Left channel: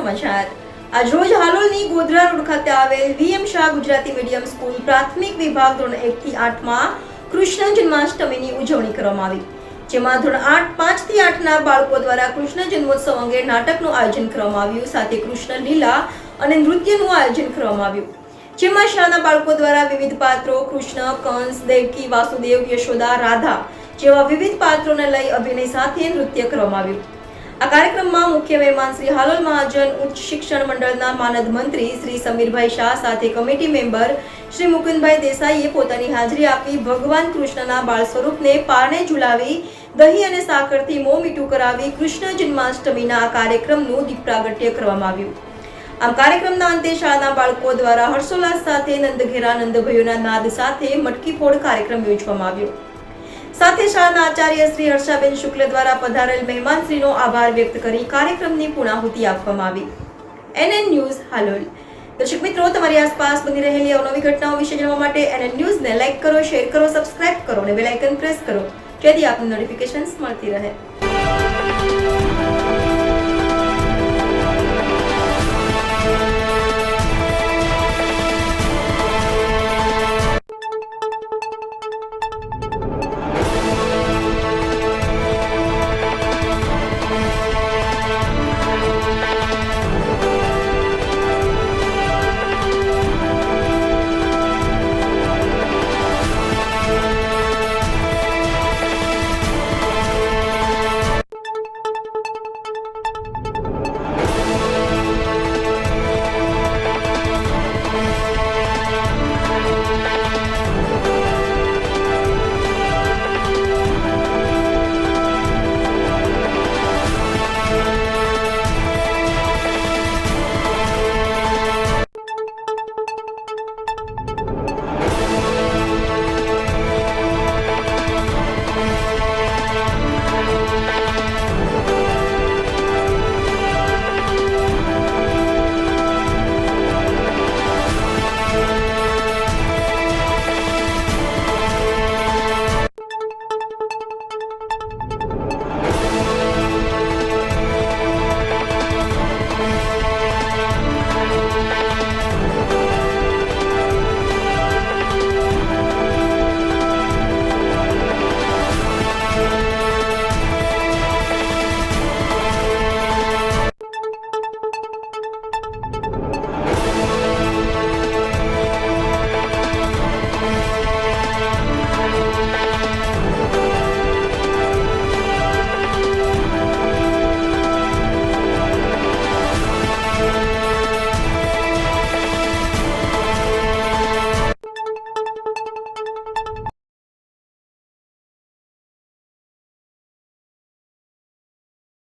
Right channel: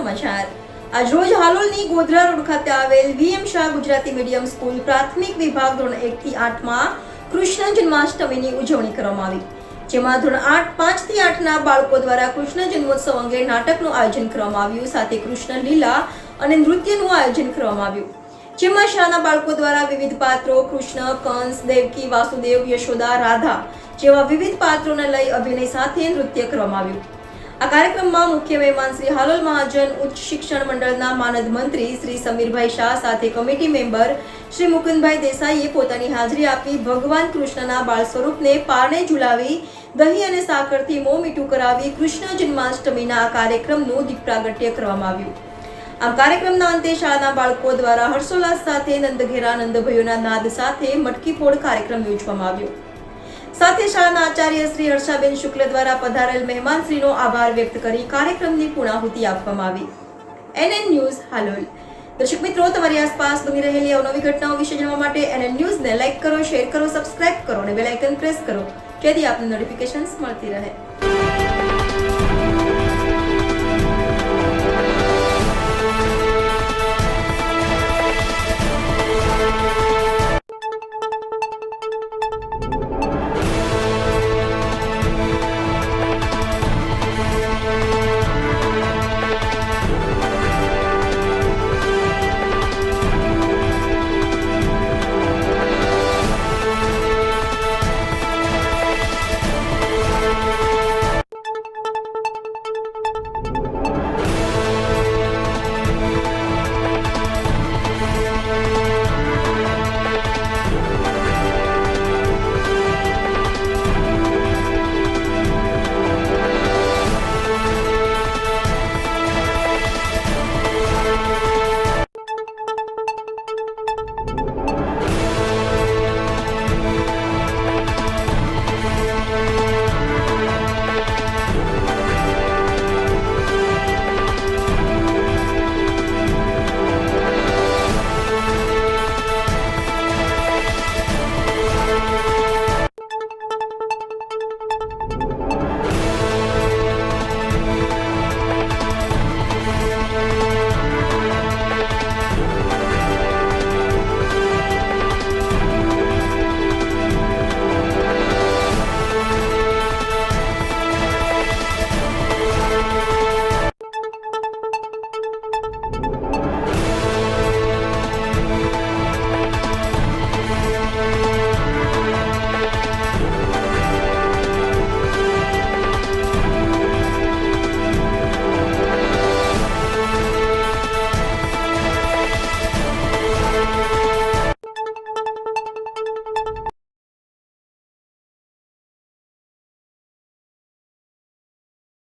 સમાચાર આજરોજ હાલોલની ગોધરા રોડ ખાતે આવેલ VM Shah Gujarati medium school પ્રાથમિક વિભાગ ધોરણ 1 થી 8 માં કૃષ્ણ જન્માષ્ટમીની ઉજવણી કરવામાં આવી, જેમાં ધોરણ 5 થી 8 ના બાળકો દ્વારા કૃષ્ણ જન્મોત્સવ અંગે નાટકનું આયોજન કરવામાં આવ્યું, સાથે કૃષ્ણ લીલા અને નૃત્યનું આયોજન કરવામાં આવ્યું, જેમાં શાળાના બાળકો દ્વારા વિવિધ પાત્રો કૃષ્ણ, કંસ, દેવકી, વાસુદેવ, યશોદા, રાધા જેવા વિવિધ પાત્રોને લઈ અભિનય સાથે નૃત્ય કરવામાં આવ્યું। આ કાર્યક્રમમાં મુખ્ય મહેમાન શ્રી હાલોલ મહાજન ઉચ્ચ શિક્ષણ મંડળના માનદ મંત્રી શ્રી સમીરભાઈ શાહ સાથે કમિટી મેમ્બર શ્રી મુકુંદભાઈ દેસાઈએ પોતાની હાજરી આપી ભગવાન કૃષ્ણના બાળ સ્વરૂપને પારણે ઝુલાવી દહીં અને સાકરથી મોં મીઠું કરાવી કૃષ્ણ જન્માષ્ટમીના આ કાર્યક્રમનું દીપ પ્રાગટ્ય કરવામાં આવ્યું। આમ કાર્યક્રમના અંતે શાળાના બાળકો દ્વારા હર્ષોલ્લાસ સાથે નંદઘેરા નંદભયોના નાદ સાથે મટકી ફોડ કાર્યક્રમ યોજવામાં આવ્યો। સાથે શાળાના આચાર્ય શ્રી હર્ષાબેન શુક્લ દ્વારા પધારેલ મહેમાનશ્રીનો આભાર વ્યક્ત કરી કાર્યક્રમની પૂર્ણાહુતિ આપવામાં આવી। NN news Halol. દર્શક મિત્રો, તમારી આસપાસ બની રહેલી અવનવી ઘટનાઓ વિશે જાણવા માટે NN ન્યૂઝને લાઇક કરો, શેર કરો, સબસ્ક્રાઇબ કરો અને બેલ આઇકન પ્રેસ કરો, જેથી આપને નોટિફિકેશન્સ મળતી રહે।